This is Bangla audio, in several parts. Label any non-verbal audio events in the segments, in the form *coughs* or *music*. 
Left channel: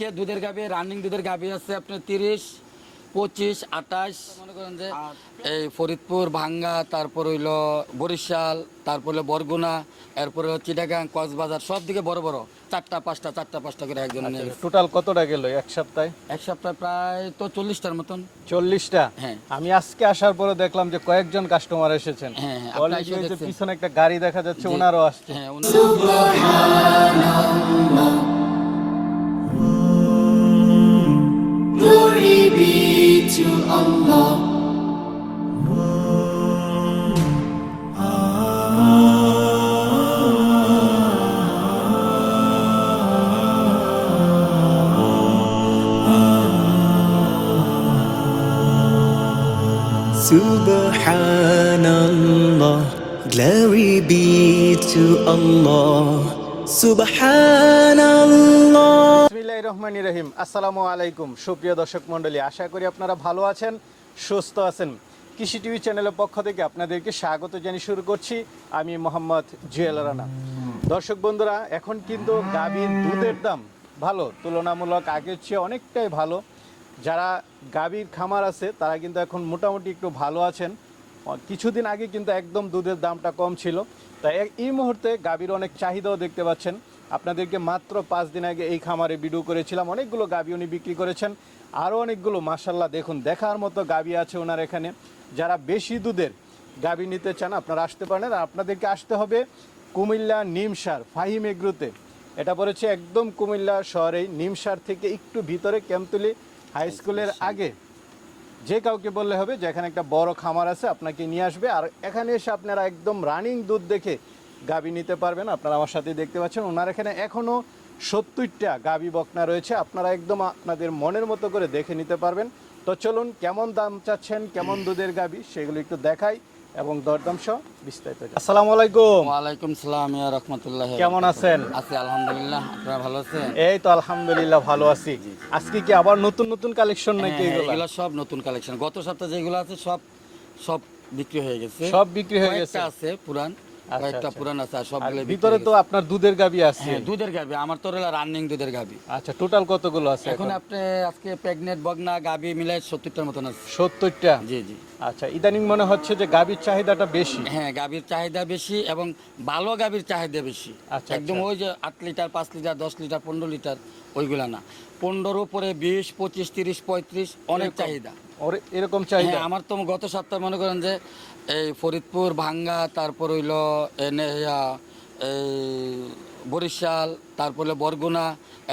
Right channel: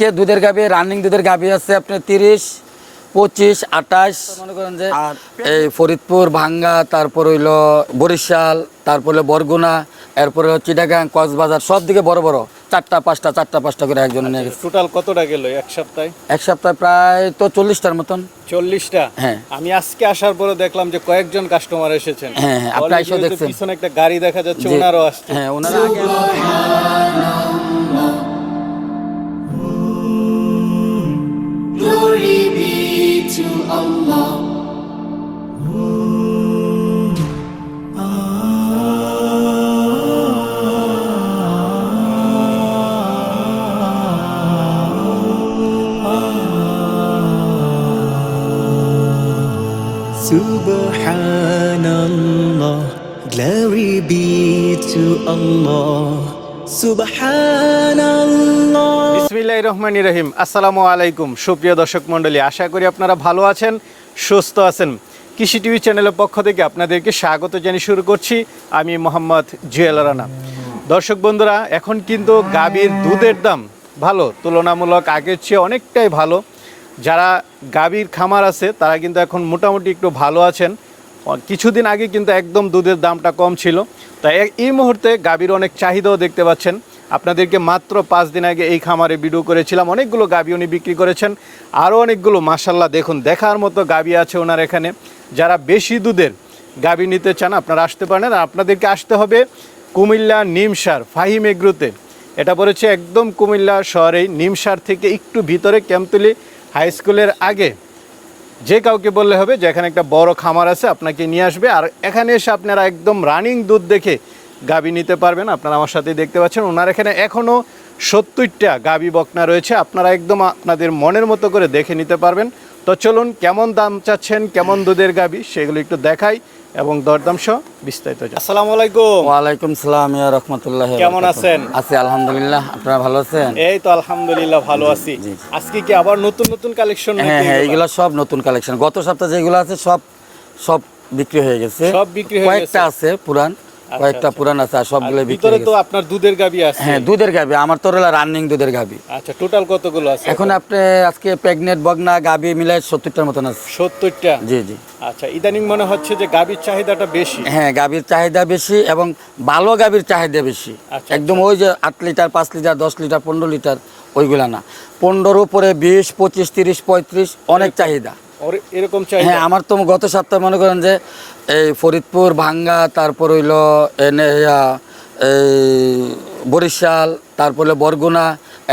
আজকে দুধের গাবি রানিং দুধের গাবি আছে আপনার তিরিশ পঁচিশ আঠাশ। মনে করেন যে এই ফরিদপুর ভাঙ্গা তারপর হইল বরিশাল তারপর হলো বরগুনা এরপরে চিটাগাং কক্সবাজার সব দিকে বড় বড়। চারটা পাঁচটা চারটা পাঁচটা করে একজন নিয়ে গেছে। টোটাল কতটা গেল এক সপ্তাহে? এক সপ্তাহে প্রায় তো চল্লিশটার মতন। চল্লিশটা? হ্যাঁ। আমি আজকে আসার পরে দেখলাম যে কয়েকজন কাস্টমার এসেছেন। হ্যাঁ, হ্যাঁ, আপনি যে দেখছেন। পিছনে একটা গাড়ি দেখা যাচ্ছে। ওনারও আসছে। হ্যাঁ ওনারা to Allah. রহমানির রহিম। আসসালামু আলাইকুম। সুপ্রিয় দর্শক মণ্ডলী, আশা করি আপনারা ভালো আছেন, সুস্থ আছেন। কৃষি টিভি চ্যানেলের পক্ষ থেকে আপনাদেরকে স্বাগত জানিয়ে শুরু করছি। আমি মোহাম্মদ জুয়েল রানা। দর্শক বন্ধুরা, এখন কিন্তু গাভীর দুধের দাম ভালো, তুলনামূলক আগের চেয়ে অনেকটাই ভালো। যারা গাভীর খামার আছে, তারা কিন্তু এখন মোটামুটি একটু ভালো আছেন। কিছুদিন আগে কিন্তু একদম দুধের দামটা কম ছিল। তাই এই মুহূর্তে গাভীর অনেক চাহিদাও দেখতে পাচ্ছেন। আপনাদেরকে মাত্র পাঁচ দিন আগে এই খামারে ভিডিও করেছিলাম। অনেকগুলো গাভী উনি বিক্রি করেছেন। আরও অনেকগুলো মাসাল্লাহ দেখুন, দেখার মতো গাভী আছে ওনার এখানে। যারা বেশি দুধের গাভী নিতে চান, আপনারা আসতে পারেন। আর আপনাদেরকে আসতে হবে কুমিল্লা নিমসার ফাহিম এগ্রোতে। এটা পড়েছে একদম কুমিল্লা শহরেই, নিমসার থেকে একটু ভিতরে ক্যাম্পতলি হাই স্কুলের আগে। যে কাউকে বললে হবে যে এখানে একটা বড় খামার আছে, আপনাকে নিয়ে আসবে। আর এখানে এসে আপনারা একদম রানিং দুধ দেখে গাবি নিতে পারবেন। আপনারা আমার সাথে দেখতে পাচ্ছেন। ওনার এখানে এখনও সত্তরটা গাবি বকনা রয়েছে। আপনারা একদম আপনাদের মনের মতো করে দেখে নিতে পারবেন। তো চলুন, কেমন দাম চাচ্ছেন, কেমন দুধের গাবি, সেগুলো একটু দেখাই। এবং দরদাম সহ বিস্তারিত আসসালামু আলাইকুম। ওয়ালাইকুম সালাম ইয়া রহমতুল্লাহ কেমন আছেন? আছি আলহামদুলিল্লাহ আপনারা ভালো আছেন? এই তো আলহামদুলিল্লাহ ভালো আছি। আজকে কি আবার নতুন নতুন কালেকশন হ্যাঁ হ্যাঁ এগুলো? সব নতুন কালেকশন গত সপ্তাহে যেগুলো আছে সব সব বিক্রি হয়ে গেছে। সব বিক্রি হয়ে গেছে কয়েকটা গেছে? আছে পুরান। কয়েকটা আচ্ছা। পুরান আছে আর সবগুলো বিক্রি ভিতরে তো আপনার দুধের গাবি আছে। হ্যাঁ দুধের গাবি আমার তো হলো রানিং দুধের গাবি আচ্ছা টোটাল কতগুলো আছে এখন আপনি আজকে প্রেগনেন্ট বগনা গাবি মিলাই সত্তরটার মতন আছে। সত্তরটা? জি জি। আচ্ছা ইদানিং মনে হচ্ছে যে গাবির চাহিদাটা বেশি। হ্যাঁ গাভীর চাহিদা বেশি এবং ভালো গাভীর চাহিদা বেশি। আচ্ছা, একদম ওই যে আট লিটার পাঁচ লিটার দশ লিটার পনেরো লিটার ওইগুলা না। পনেরোর উপরে বিশ পঁচিশ তিরিশ পঁয়ত্রিশ অনেক চাহিদা। এরকম চাহিদা হ্যাঁ আমার তো গত সপ্তাহে মনে করেন যে এই ফরিদপুর ভাঙ্গা তারপর হইল এনে এই বরিশাল তারপর হলো বরগুনা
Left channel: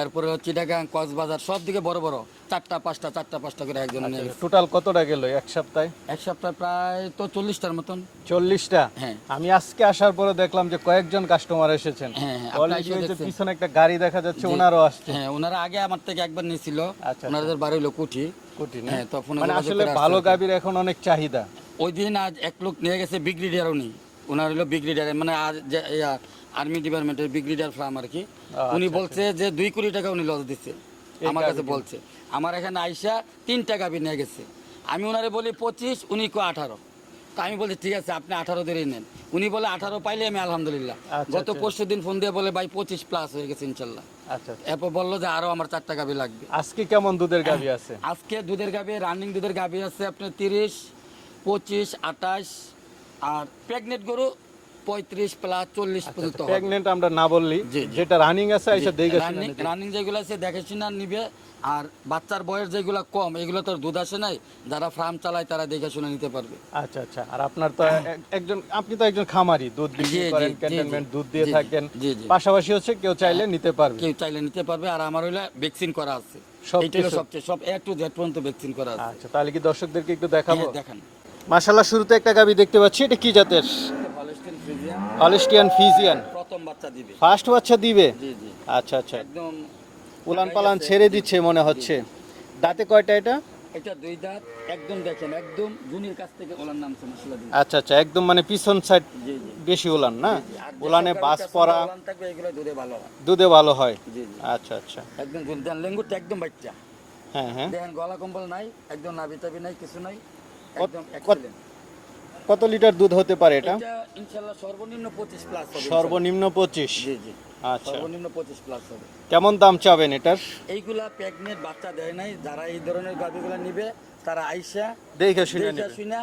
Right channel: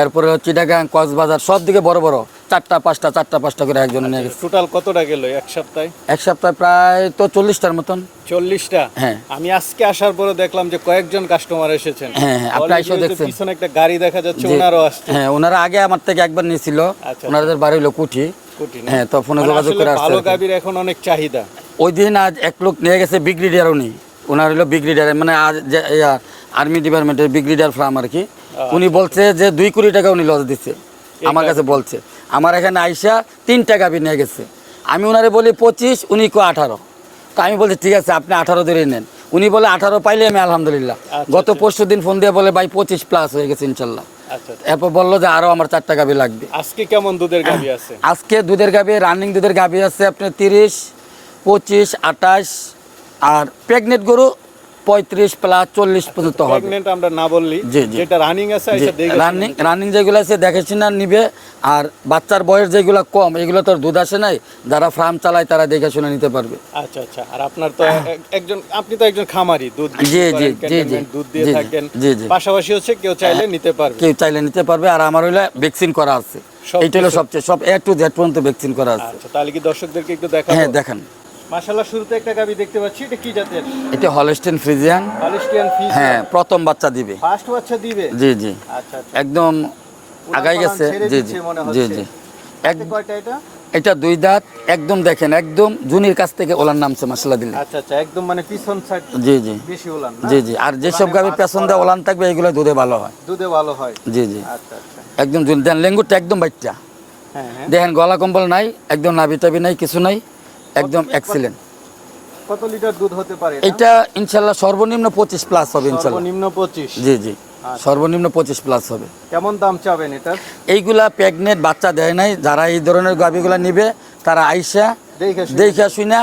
এরপরে হলো চিটাগাং কক্সবাজার সব দিকে বড় বড় চারটা পাঁচটা চারটা পাঁচটা করে একজন নিয়ে গেছে টোটাল কতটা গেল এক সপ্তাহে এক সপ্তাহে প্রায় তো চল্লিশটার মতন চল্লিশটা হ্যাঁ। আমি আজকে আসার পরে দেখলাম যে কয়েকজন কাস্টমার এসেছেন হ্যাঁ, হ্যাঁ, আপনি যে দেখছেন। পিছনে একটা গাড়ি দেখা যাচ্ছে। ওনারও আসছে হ্যাঁ ওনারা আগে আমার থেকে একবার নিয়েছিল আচ্ছা। ওনাদের বাড়ি হলো কুঠি? হ্যাঁ তো ফোনে মানে যোগাযোগ করে আসছে ভালো আর এখন অনেক চাহিদা। ওই দিন আজ এক লোক নিয়ে গেছে ব্রিগেডিয়ার উনি ওনার হলো ব্রিগেডিয়ার মানে আজ যে আর্মি ডিপার্টমেন্টের ব্রিগেডিয়ার ফার্ম আর কি। উনি বলছে যে দুই কোটি টাকা উনি লস দিচ্ছে আমার কাছে বলছে। আমার এখানে আইসা তিন টাকা নিয়ে গেছে। আমি ওনারে বলি পঁচিশ উনি কো আঠারো। তো আমি বলছি ঠিক আছে আপনি আঠারো ধরে নেন। উনি বলে আঠারো পাইলে আমি আলহামদুলিল্লাহ। আচ্ছা, গত পরশু দিন ফোন দিয়ে বলে ভাই পঁচিশ প্লাস হয়ে গেছে ইনশাল্লাহ। আচ্ছা আচ্ছা। এরপর বলল যে আরও আমার চারটা গাভি লাগবে। আজকে কেমন দুধের গাবি আছে? আজকে দুধের গাবি রানিং দুধের গাভি আছে আপনার তিরিশ পঁচিশ আঠাশ আর প্রেগনেন্ট গরু পঁয়ত্রিশ প্লাস চল্লিশ পর্যন্ত হবে। আমরা না বললি। যেটা রানিং আছে রানিং রানিং যেগুলো আছে দেখে শুনে নিবে। আর বাচ্চার বয়স যেগুলো কম এগুলো তো দুধ আসে নাই যারা ফার্ম চালায় তারা দেখে শুনে নিতে পারবে। আচ্ছা আচ্ছা। আর আপনার তো একজন আপনি তো একজন খামারি দুধ জি, জি, জি, জি, দুধ দিয়ে থাকেন। জি, জি। পাশাপাশি হচ্ছে কেউ চাইলে নিতে পারবে। কেউ চাইলে নিতে পারবে। আর আমার হইলে ভ্যাকসিন করা আছে। এইটা হলো সবচেয়ে সব এ টু জেড পর্যন্ত ভ্যাকসিন করা আছে। আচ্ছা তাহলে কি দর্শকদেরকে একটু দেখাবো? হ্যাঁ দেখেন। মাশাআল্লাহ শুরুতে একটা গাবি দেখতে পাচ্ছি। এটা কি জাতের? এটা হলস্টেন ফ্রিজিয়ান। পালেস্টিয়ান হ্যাঁ প্রথম বাচ্চা দিবে। ফার্স্ট বাচ্চা দিবে? জি জি। আচ্ছা আচ্ছা। একদম আগাই গেছে। জি জি। মনে হচ্ছে। জি। তাতে কয়টা এটা? এটা দুই দাঁত। একদম দেখেন একদম জুনির কাছ থেকে ওলার নামছে মাসালা দিন আচ্ছা আচ্ছা একদম মানে পিছন সাইড জি জি। বেশি উলান না? জি জি। আর যেসব উলানে গাভীর পেছন দিয়ে ওলান থাকবে এগুলো দুধে ভালো হয়। দুধে ভালো হয়? জি জি। আচ্ছা আচ্ছা। একদম জুনি দেন লেঙ্গুরটা একদম বাইটটা। হ্যাঁ হ্যাঁ। দেখেন গলা কম্বল নাই একদম নাভি টাবি নাই কিছু নাই। একদম এক্সিলেন্ট কত লিটার দুধ হতে পারে এটা? এটা ইনশাল্লাহ সর্বনিম্ন পঁচিশ প্লাস হবে ইনশাল্লাহ সর্বনিম্ন পঁচিশ। জি জি। আচ্ছা। সর্বনিম্ন পঁচিশ প্লাস হবে। কেমন দাম চাবেন এটার এইগুলা প্রেগনেন্ট বাচ্চা দেয় নাই যারা এই ধরনের গাভিগুলা নিবে তারা আইসা দেখে শুনে।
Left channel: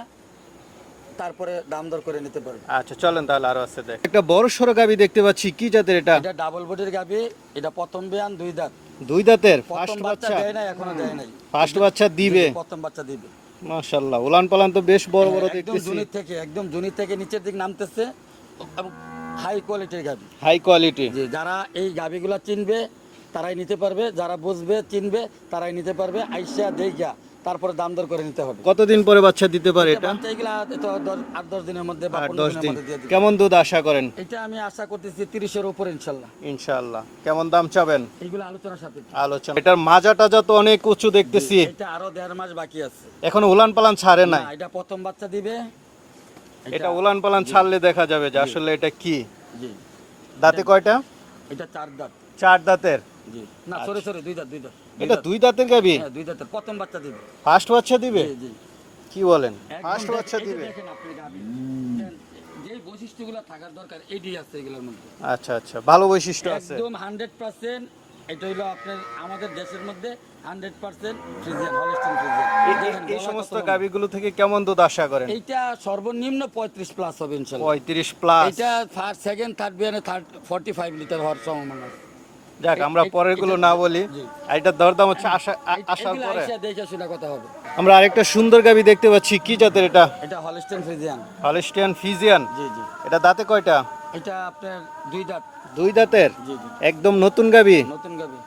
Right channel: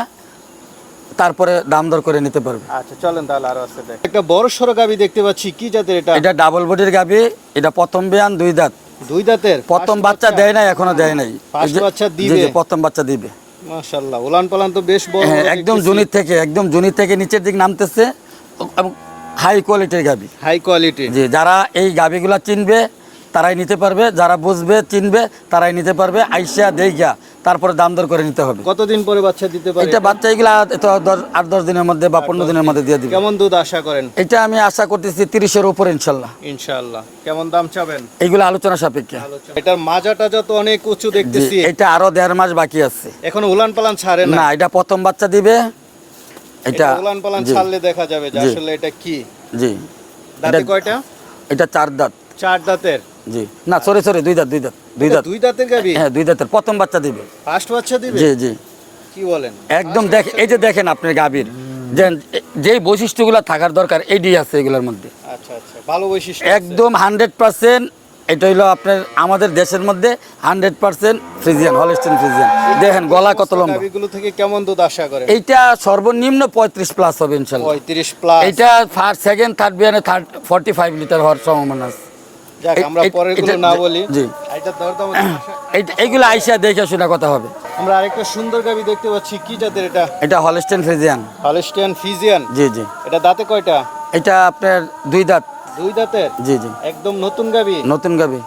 তারপরে দাম দর করে নিতে পারবে। আচ্ছা চলেন তাহলে আরও আছে দেখ। একটা বড় সড়ো গাবি দেখতে পাচ্ছি কি জাতের এটা? এটা ডাবল বডির গাভি এটা প্রথম বিয়ান দুই দাঁত। দুই দাঁতের? প্রথম বাচ্চা দেয় নাই এখনও দেয় নাই। বাচ্চা দিবে? প্রথম বাচ্চা দিবে। মাশাআল্লাহ উলান পালান তো বেশ বড় হ্যাঁ একদম জুনির থেকে একদম জুনির থেকে নিচের দিক নামতেছে হাই কোয়ালিটির গাবি। হাই কোয়ালিটি যে যারা এই গাবিগুলা চিনবে তারাই নিতে পারবে যারা বুঝবে চিনবে তারাই নিতে পারবে আইসা দেইগা তারপরে দাম দর করে নিতে হবে। কতদিন পরে বাচ্চা দিতে পারে এটা? বাচ্চা এগুলা তো দশ- আট দশ দিনের মধ্যে বা পনেরো দিনের মধ্যে দিয়ে দিবে। কেমন দুধ আশা করেন? এটা আমি আশা করতেছি তিরিশের উপর ইনশাল্লাহ। ইনশাআল্লাহ কেমন দাম চাবেন? এগুলো আলোচনা সাপেক্ষে। আলোচনা। এটার মাজা টাজা তো অনেক উঁচু দেখতেছি। এটা আরও দেড় মাস বাকি আছে। এখন উলান পালান ছাড়ে না? না এটা প্রথম বাচ্চা দিবে। এটা এটা উলান পালান ছাড়লে দেখা যাবে যে আসলে এটা কি। জি। দাঁতে কয়টা? এটা চার দাঁত। চার দাঁতের? জি। না সরি সরি দুই দাঁত দুই দাঁত দুই দাঁত। দুই দাঁতের গাবি হ্যাঁ দুই দাঁতের প্রথম বাচ্চা দিবে। ফার্স্ট বাচ্চা দিবে? জি জি। কি বলেন? একদম দেখ এই যে দেখেন আপনার গাভীর যে বৈশিষ্ট্যগুলো থাকার দরকার এডি আছে এগুলোর মধ্যে। আচ্ছা আচ্ছা ভালো বৈশিষ্ট্য একদম হান্ড্রেড পার্সেন্ট এটা হইল আপনার আমাদের দেশের মধ্যে hundred percent Friesian Holstein Friesian. দেখেন গলা কত লম্বা। গাভীগুলো থেকে কেমন দুধ আশা করেন? এইটা সর্বনিম্ন পঁয়ত্রিশ প্লাস হবে ইনশাল্লাহ। পঁয়ত্রিশ প্লাস এটা ফার্স্ট সেকেন্ড থার্ড বিয়ানে থার্ড ফর্টি ফাইভ লিটার হওয়ার সম্ভাবনা আছে। এইগুলো আইসা দেখে শোনা কথা হবে। আমরা আরেকটা সুন্দর গাবি দেখতে পাচ্ছি। কি জাতের এটা? এটা হলস্টেন ফ্রিজিয়ান। হলস্টিয়ান ফিজিয়ান জি জি। এটা দাঁতে কয়টা? এটা আপনার দুই দাঁত। দুই দাঁতের? জি জি। একদম নতুন গাবি? নতুন গাবি।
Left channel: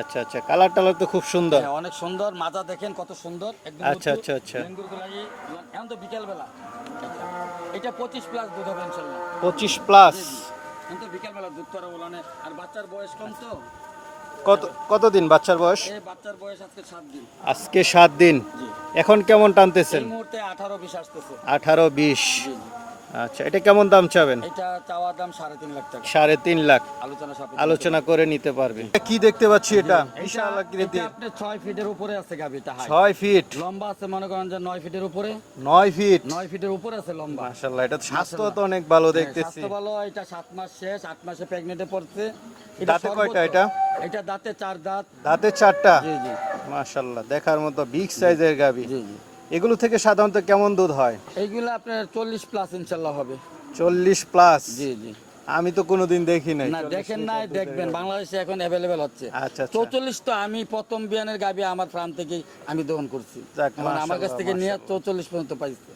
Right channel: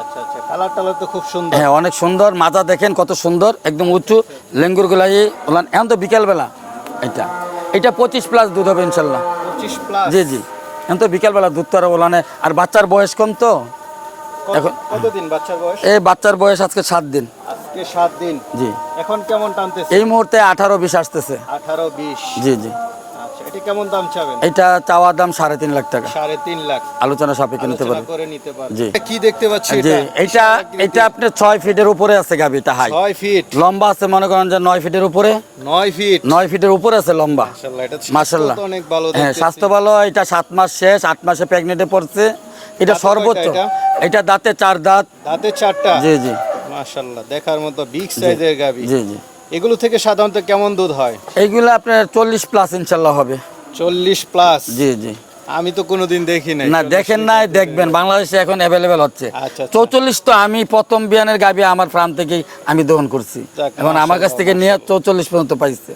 আচ্ছা আচ্ছা। কালার টালার তো খুব সুন্দর। হ্যাঁ অনেক সুন্দর। মাজা দেখেন কত সুন্দর। একদম আচ্ছা, উঁচু। আচ্ছা, আচ্ছা। লেঙ্গুর গুলাই এখন তো বিকালবেলা। এটা। এটা পঁচিশ প্লাস দুধ হবে ইনশাল্লাহ। পঁচিশ প্লাস জি জি। এখন তো বিকালবেলা দুধ তো আর ওলানে আর বাচ্চার বয়স কম তো? কতদিন বাচ্চার বয়স? এই বাচ্চার বয়স আজকে সাত দিন। আজকে সাত দিন। জি। এখন কেমন টানতেছে? এই মুহূর্তে আঠারো বিশ আসতেছে। আঠারো বিশ। জি জি। আচ্ছা এটা কেমন দাম চাবেন? এটা চাওয়া দাম সাড়ে তিন লাখ টাকা। সাড়ে তিন লাখ। আলোচনা সাপেক্ষে নিতে আলোচনা পারবে। করে নিতে পারবে। জি। কি দেখতে পাচ্ছি জি এটা? এটা এটা আপনার ছয় ফিটের উপরে আছে গাভি এটা হাই ছয় ফিট। লম্বা আছে মনে করেন যে নয় ফিটের উপরে। নয় ফিট। নয় ফিটের উপরে আছে লম্বা। মাশাআল্লাহ এটা মাশাল্লাহ স্বাস্থ্য অনেক ভালো হ্যাঁ স্বাস্থ্য ভালো এটা সাত মাস শেষ আট মাসে প্রেগনেন্টে পড়ছে। এটা সর্বোচ্চ। এটা? দাঁতে চার দাঁত। দাঁতে চারটা? জি জি। মাশাআল্লাহ দেখার মতো বিগ সাইজের গাবি জি জি। এগুলো থেকে সাধারণত কেমন দুধ হয়? এইগুলো আপনার চল্লিশ প্লাস ইনশাল্লাহ হবে। চল্লিশ প্লাস জি জি। আমি তো কোনোদিন দেখি নাই। না দেখেন নাই দেখবেন। বাংলাদেশে এখন অ্যাভেলেবেল হচ্ছে। আচ্ছা, আচ্ছা। চৌচল্লিশ তো আমি প্রথম বিয়ানের গাবি আমার ফার্ম থেকেই আমি দহন করছি। এখন আমার কাছ থেকে নিয়ে চৌচল্লিশ পর্যন্ত পাইছে।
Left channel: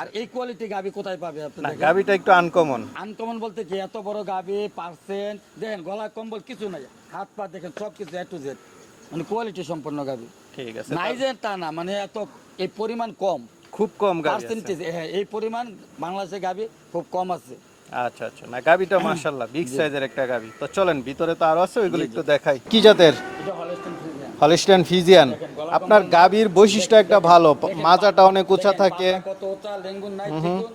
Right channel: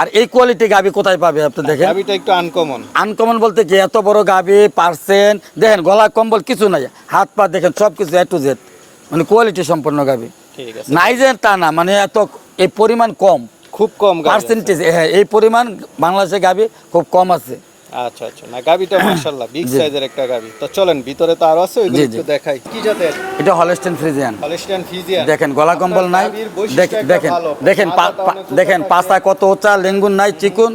আর এই কোয়ালিটি গাবি কোথায় পাবে আপনি দেখেন? গাবিটা একটু আনকমন আনকমন বলতে কি এত বড় গাবি পার্সেন্ট দেখেন গলা কম্বল কিছু নাই। হাত পা দেখেন সব কিছু এ টু জেড মানে কোয়ালিটি সম্পন্ন গাবি নাই যে তা না মানে এত এই পরিমাণ কম। খুব কম পার্সেন্টেজ হ্যাঁ এই পরিমাণ বাংলাদেশে গাবি খুব কম আছে। আচ্ছা আচ্ছা। না গাবিটা *coughs* মাশাআল্লাহ বিগ সাইজের একটা গাবি। তো চলেন ভিতরে তো আরও আছে ওইগুলো একটু দেখাই। কি জাতের? এটা হলস্টেন ফ্রিজিয়ান পালেস্টিয়ান ফিজিয়ান দেখেন গলা কম্বল নাই। গাবির বৈশিষ্ট্য একটা ভালো দেখেন দেখেন পাতা কত উঁচা লেঙ্গুন নাই চিকুন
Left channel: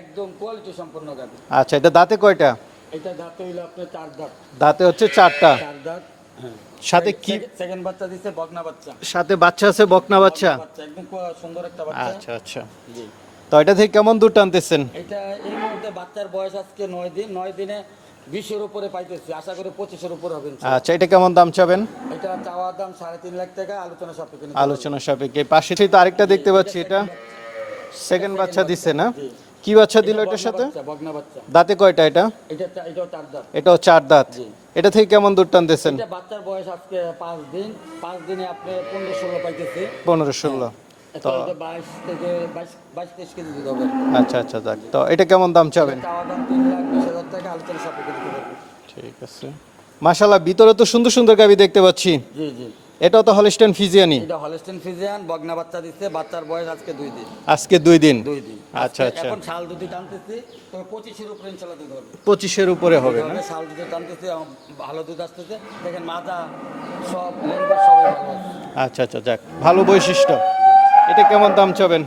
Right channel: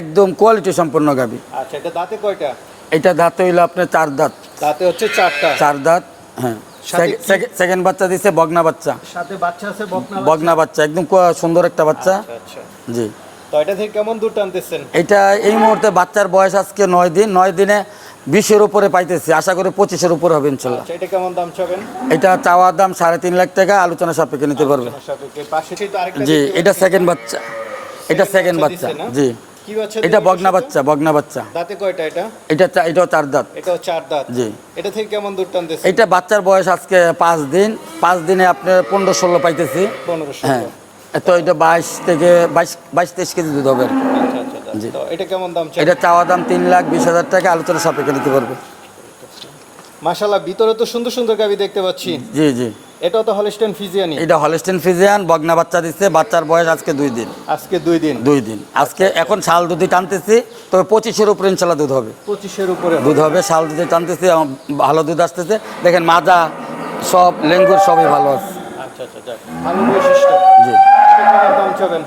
একদম কোয়ালিটি সম্পন্ন গাবি। আচ্ছা এটা দাঁতে কয়টা? এটা দাঁত হইল আপনার চার দাঁত। দাঁতে হচ্ছে চারটা। চার দাঁত হ্যাঁ। সেকেন্ড বাচ্চা দিছে বগনা বাচ্চা। সাথে বাচ্চা আছে বকনা বাচ্চা? বগনা বাচ্চা একদম সুন্দর একটা বাচ্চা। আচ্ছা আচ্ছা। জি। তো এটা থেকে কেমন দুধ টানতেছেন? এটা এই মুহূর্তে বাচ্চার বয়স আজকে নয় দিন নয় দিনে বিশের উপরে পাইতেছি। আশা করি পঁচিশের উপরে হবে আচ্ছা এটা কেমন দাম চাবেন? এটা চাওয়ার দাম সাড়ে তিন লাখ টাকা আলোচনা সাপেক্ষে নিতে পারবে। আলোচনা সাপেক্ষে। পাশে তো আরেকটা দেখতে পাচ্ছি এটা সেকেন্ড বাচ্চা। এটা সেকেন্ড বাচ্চা? জি। কি বাচ্চা এটা বগনা বাচ্চা বগনা বাচ্চা। দাঁতে কয়টা এটা? এটা এটাও চার দাঁত। এটাও চার দাঁত। জি। এটা থেকে কেমন দুধ টানতেছেন? এটা বাচ্চার বয়স আজকে পাঁচ দিন। পাঁচ দিনে আপনার পনেরো ষোলো পাইতেছি। পনেরো হ্যাঁ। ষোলো তো এটা বাইশ থেকে বাইশ বাইশ তেইশ কেজি দুধ হবে। আচ্ছা আচ্ছা আচ্ছা। তো এটা কেমন দাম এটা চাওয়া দাম তিন লাখ বিশ হাজার টাকা আলোচনা সাপেক্ষে নিতে পারবে। মাশাআল্লাহ ভিতরে তো সুন্দর সুন্দর গাবি দেখতে পাচ্ছি। জি জি। এটাও তো হলিস্টন ফিজিয়ানি। এটা হলস্টেন ফিজিয়ান বগনা বাচ্চা দিচ্ছে বাচ্চার বয়স আজকে দুই দিন। আজকে দুই দিন? দুই দিন। আজকে আচ্ছা। এখন শাল দুধই টানতেছি তবে পঁচিশের উপরে ইনশাল্লাহ দুধ হবে। পঁচিশের উপরে দুধ হবে শাল দুধে টানতেছি ভালো দুধ আসতেছে। দেখেন মাজা সব লেঙ্গুর সবই ভালো আছে। আচ্ছা আচ্ছা যাক ভালো বৈশিষ্ট্য। জি। এটা কেমন দাম চাবেন?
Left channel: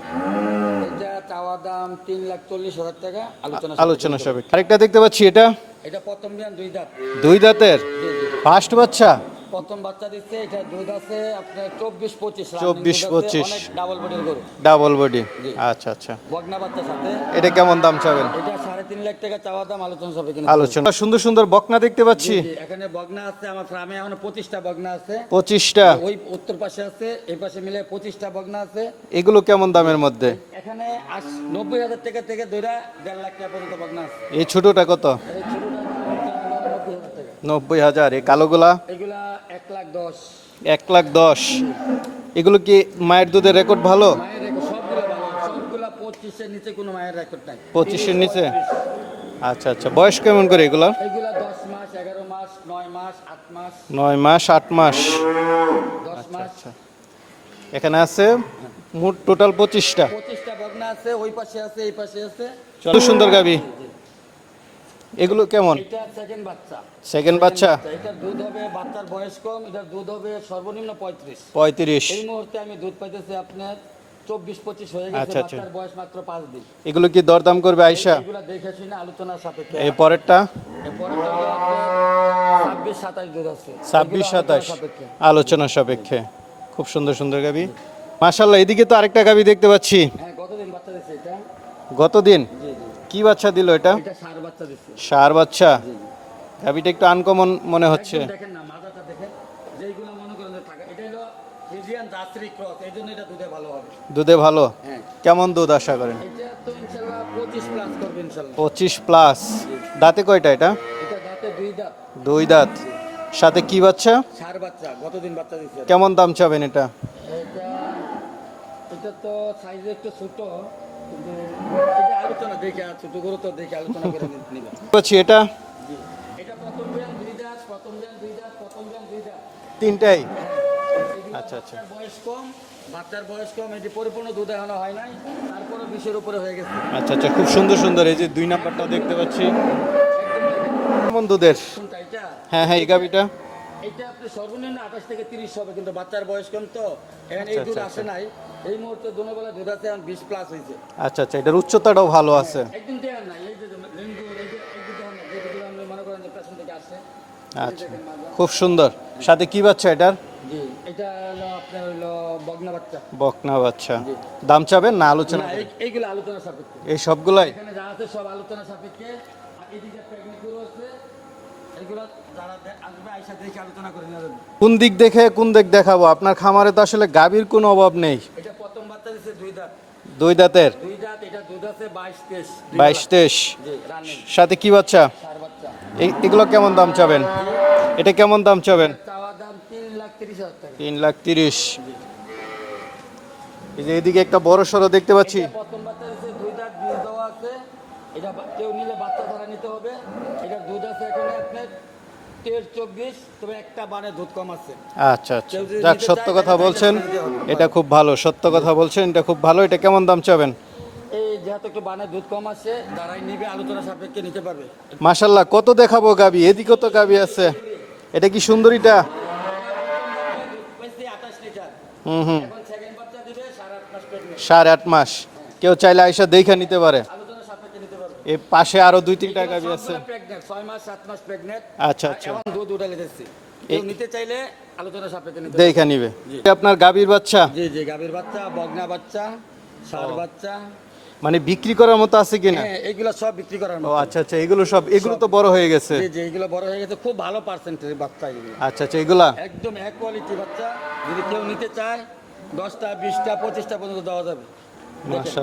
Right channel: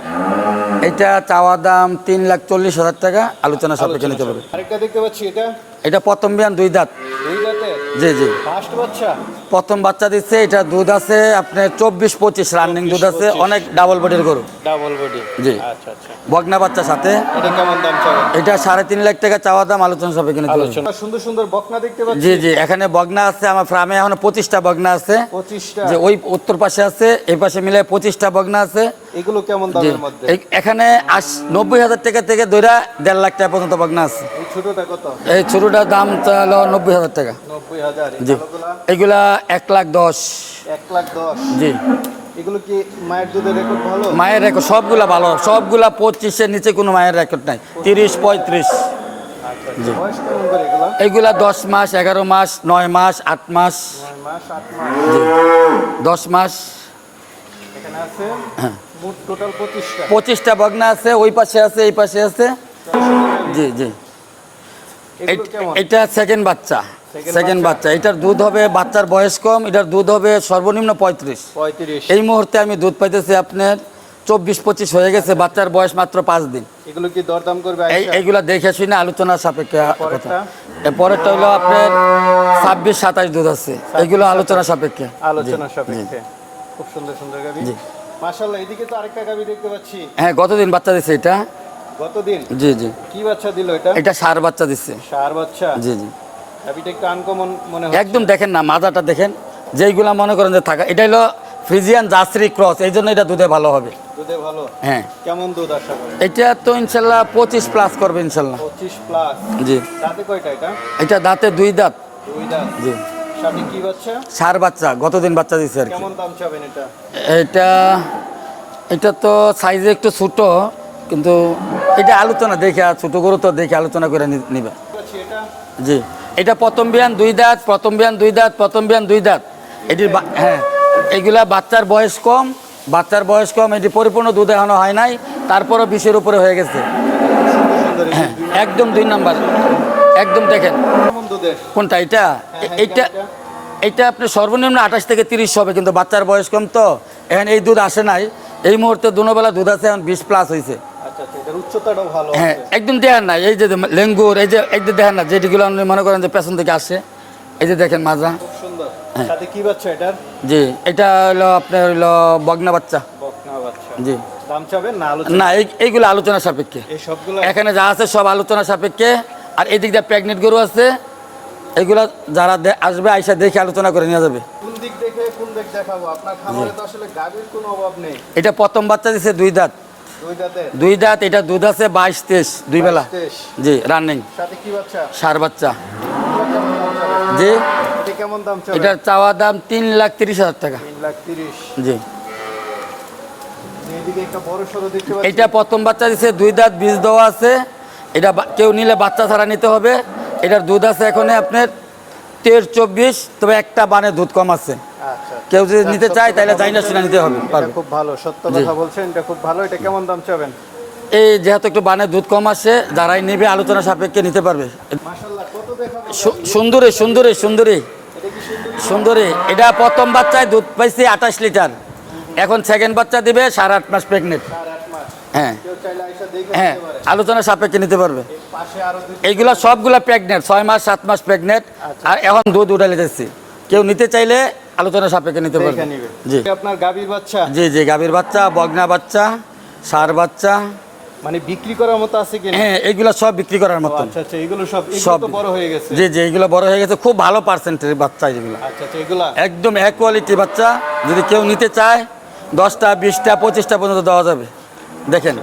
এটা চাওয়া দাম তিন লাখ চল্লিশ হাজার টাকা আলোচনা সাপেক্ষে। আরেকটা দেখতে পাচ্ছি এটা? এটা প্রথম বিয়ান দুই দাঁত। দুই দাঁতের? জি জি। ফার্স্ট বাচ্চা? প্রথম বাচ্চা দিচ্ছে এটা দুধ আছে আপনার চব্বিশ পঁচিশ রানিং দুধ আছে অনেক ডাবল বডির গরু। ডাবল বডি জি। আচ্ছা আচ্ছা। বগনা বাচ্চার সাথে। এটা কেমন দাম চাবেন? এটা সাড়ে তিন লাখ টাকা চাওয়া দাম আলোচনা সবে কিনে আলোচনা। সুন্দর সুন্দর বকনা দেখতে পাচ্ছি। জি জি এখানে বগনা আছে আমার ফার্মে এখন পঁচিশটা বগনা আছে। পঁচিশটা? ওই উত্তর পাশে আছে এই পাশে মিলে পঁচিশটা বগনা আছে। এগুলো কেমন দামের। মধ্যে? এখানে আশ- নব্বই হাজার টাকা থেকে ধরে দেড় লাখ টাকা পর্যন্ত বগনা আছে। এই ছোটটা কত? এই ছোটটার দাম হলো নব্বই হাজার টাকা। নব্বই হাজার এই কালোগুলা? এগুলা এক লাখ দশ। এক লাখ দশ? জি। এগুলো কি মায়ের দুধের রেকর্ড ভালো? মায়ের রেকর্ড সবগুলা ভালো। সবগুলা পঁচিশের নিচে কোনো মায়ের রেকর্ড নাই। 25 তিরিশ পঁয়ত্রিশ। আচ্ছা আচ্ছা। বয়স কেমন করে এগুলো? এগুলা দশ মাস এগারো মাস নয় মাস আট মাস। নয় মাস আট মাস? দশ মাস। এখানে আছে হ্যাঁ। মোট টোটাল পঁচিশটা। পঁচিশটা বগনা আছে ওই পাশে আছে এই পাশে আছে। সুন্দর গাবি। জি জি। এগুলো কেমন? এটা সেকেন্ড বাচ্চা। সেকেন্ড বাচ্চা? এটার দুধ হবে বাচ্চার বয়স কম এটার দুধ হবে সর্বনিম্ন পঁয়ত্রিশ। পঁয়ত্রিশ। এই মুহূর্তে আমি দুধ পাইতেছি আপনার চব্বিশ পঁচিশ হয়ে গেছে আচ্ছা, বাচ্চার বয়স মাত্র পাঁচ দিন। এগুলো কি দরদাম করবে এইগুলা দেখে শুনে আলোচনার সাপেক্ষে পরেরটা? পরেরটা হলো আপনার ছাব্বিশ সাতাশ দুধ আছে। এগুলো আলোচনা সাপেক্ষে। আলোচনা সাপেক্ষে। খুব সুন্দর সুন্দর গাবি। মাশাল্লাহ এদিকে তো আরেকটা গাবি দেখতে পাচ্ছি। হ্যাঁ গতদিন বাচ্চা দিচ্ছে এটা? গতদিন? জি জি। কি বাচ্চা দিল এটা? এটা সার বাচ্চা দিচ্ছে। সার বাচ্চা? জি জি। গাবিটা একটু আনকমন মনে হচ্ছে। একদম দেখেন না মাজাটা দেখেন। যেইগুলা মনে করেন যে থাকা এটা হলো ফ্রিজিয়ান জাসরি ক্রস এই জন্য এটা দুধে ভালো হবে। দুধে ভালো? হ্যাঁ। কেমন দুধ আশা করেন? এটা তো ইনশাল্লাহ পঁচিশ প্লাস করবে ইনশাল্লাহ। পঁচিশ প্লাস জি। দাঁতে কয়টা এটা? এটা দাঁতে দুই দাঁত। দুই দাঁত। জি। সাথে কি বাচ্চা? সার বাচ্চা গতদিন বাচ্চা দিচ্ছে কেমন দাম চাবেন এটা? এটা এটা তো সাইজে একটু ছোট। কিন্তু এটা আলোচনা দেখে ছোট গরু তো দেখে আলোচনা করে নিবে। এটা? জি। এটা প্রথম বিয়ান দুই দাঁত প্রথম বিয়ান দুই দাঁত প্রথম বিয়ান দুই দাঁত। এটি হ্যাঁ এগুলা বাচ্চার বয়স কম বাচ্চার বয়স কম এটি পরিপূর্ণ দুধ এখনও হয় নাই তারপরও বিশের উপরে হয়ে গেছে। আচ্ছা আচ্ছা খুব সুন্দর সুন্দর এই যে দুই নাম্বার একদম দুই নাম্বার। একদম দেখেন। দুধের? কোনটা এটা? হ্যাঁ, এটা আপনি সর্বনিম্ন আঠাশ থেকে তিরিশ হবে কিন্তু বাচ্চার বয়স কম তো। এখন এই দুধ আসে নাই। এই মুহূর্তে দুনোবেলা দুধ আছে এখন বিশ প্লাস হয়েছে আচ্ছা আচ্ছা এটার উচ্চতাটাও ভালো হ্যাঁ একদম দেখেন না এই যে লেঙ্গুর এই যে যে দেখেন না যেটিগুলো আপনি মনে করেন যে পেছন থেকে আসে এই যে দেখেন মাজা। খুব সুন্দর। হ্যাঁ। সাথে কি বাচ্চা এটার? জি এটা হলো আপনার হলো বগনা বাচ্চা। বকনা বাচ্চা। জি। দাম চাবেন না আলোচনা? না এই এইগুলো আলোচনা সাপেক্ষে। এই সবগুলো এখানে যা আছে সব আলোচনা সাপেক্ষে। আর এদিক দিয়ে প্রেগনেন্ট গরু আছে এগুলা যারা আসবে আইসা দেখে আলোচনা করে নিয়ে যাবে। কোন দিক দেখে কোন দিক দেখাবো? আপনার খামারে তো আসলে গাভীর কোনো অভাব নেই। এটা প্রথম বাচ্চা দিছে দুই দাঁত। দুই দাঁতের? দুই দাঁত এটা দুধ আছে বাইশ তেইশ দুই বেলা। তেইশ? জি রানিং সাথে কি বাচ্চা? সার বাচ্চা। এ- এগুলো কেমন দাম চাবেন? জি। এটা কেমন দাম চাবেন? এটার চাওয়া দাম তিন লাখ তিরিশ হাজার টাকা। তিন লাখ তিরিশ। জি। এই যে এদিকে একটা বড় সড়ো দেখতে পাচ্ছি। এটা প্রথম বাচ্চা দিছে দুই দাঁত বীজ দেওয়া আছে। এটা বা- কেউ নিলে বাচ্চা ছাড়া নিতে হবে। এটার দুধ আছে এখন আপনার তের চব্বিশ তবে একটা বানে দুধ কম আছে। আচ্ছা আচ্ছা। কেউ যদি নিতে চায়, তাহলে চাইলে নিতে হবে। এটা। খুব ভালো সত্য কথা বলছেন এটা খুব ভালো। এটা কেমন দাম চাবেন? এই যেহেতু একটু বানের দুধ কম আসে যারাই নেবে আলোচনা সাপেক্ষে নিতে পারবে। মাশাল্লাহ কত দেখাবো গাবি সুন্দরী সুন্দরী সুন্দরী। এটা কি সুন্দরীটা? সুন্দরী। এটা প্রথম বাচ্চায় দুধ পাইছে আঠাশ লিটার। এখন সেকেন্ড বাচ্চা দিবে সাড়ে আট মাস প্রেগনেন্ট সাড়ে আট মাস। হ্যাঁ। কেউ চাইলে আইসা দেখে নিতে পারে। আলোচনা সাপেক্ষে নিতে পারবে। এর পাশে আরও দুই এইগুলো সবগুলো সবগুলা প্রেগনেন্ট ছয় মাস সাত মাস প্রেগনেন্ট আচ্ছা, আর আচ্ছা। এখন দুধ উঠালে যাচ্ছে। কেউ নিতে চাইলে আলোচনা সাপেক্ষে নিতে পারবে। নিবে। জি। আপনার গাভীর বাচ্চা? জি জি গাভীর বাচ্চা বগনা বাচ্চা সার বাচ্চা মানে বিক্রি করার মতো আছে কিনা? হ্যাঁ এগুলো সব বিক্রি করার মতো। আচ্ছা আচ্ছা এগুলো সব সব। তো বড় হয়ে গেছে। জি জি এগুলো বড় হয়ে গেছে। খুব ভালো পার্সেন্টের বাচ্চা এগুলো। আচ্ছা আচ্ছা এগুলা একদম এক কোয়ালিটি বাচ্চা যদি কেউ নিতে চায় দশটা বিশটা পঁচিশটা পর্যন্ত দেওয়া যাবে। দেখেন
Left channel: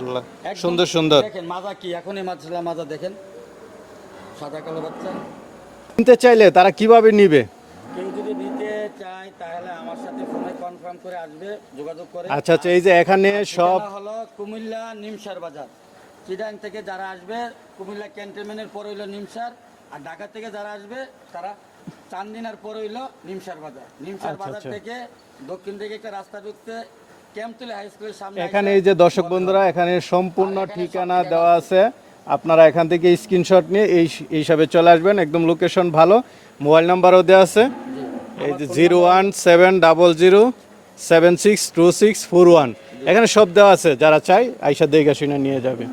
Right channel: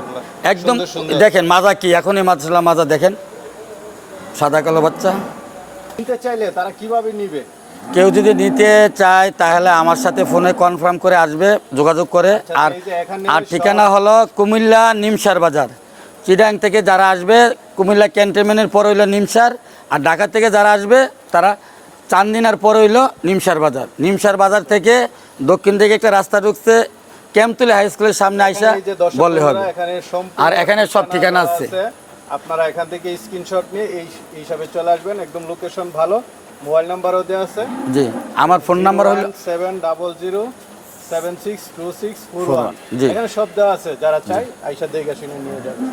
একদম সুন্দর, সুন্দর। দেখেন মাজা কি? এখনই মাছলা মাজা দেখেন। সাদা কালো বাচ্চা। নিতে চাইলে তারা কীভাবে নিবে? কেউ যদি নিতে চায় তাহলে আমার সাথে ফোনে কনফার্ম করে আসবে যোগাযোগ করে। আচ্ছা, আচ্ছা, আর- ঠিকানা হলো কুমিল্লা নিমসার বাজার। চিডাং থেকে যারা আসবে কুমিল্লা ক্যান্টনমেন্টের পর হইল নিমসার আর ঢাকা থেকে যারা আসবে তারা চান্দিনার পর হইল নিমসার বাজার। নিমসার বাজার থেকে দক্ষিণ দিকে একটা রাস্তা ঢুকছে ক্যাম্পতুলি হাই স্কুলের সামনে আইসা বললে হবে। আর এখানে সব ঠিকানা আছে। আপনারা এখান থেকে স্ক্রিনশট নিয়ে এই হিসাবে চলে আসবেন একদম লোকেশন ভালো। মোবাইল নাম্বারও দেওয়া আছে। জি আমার phone number one seven double zero seven six two six four one. এখানে সব দেওয়া আছে যারা চাই আইসা দেখে শুনে নিয়ে যাবে।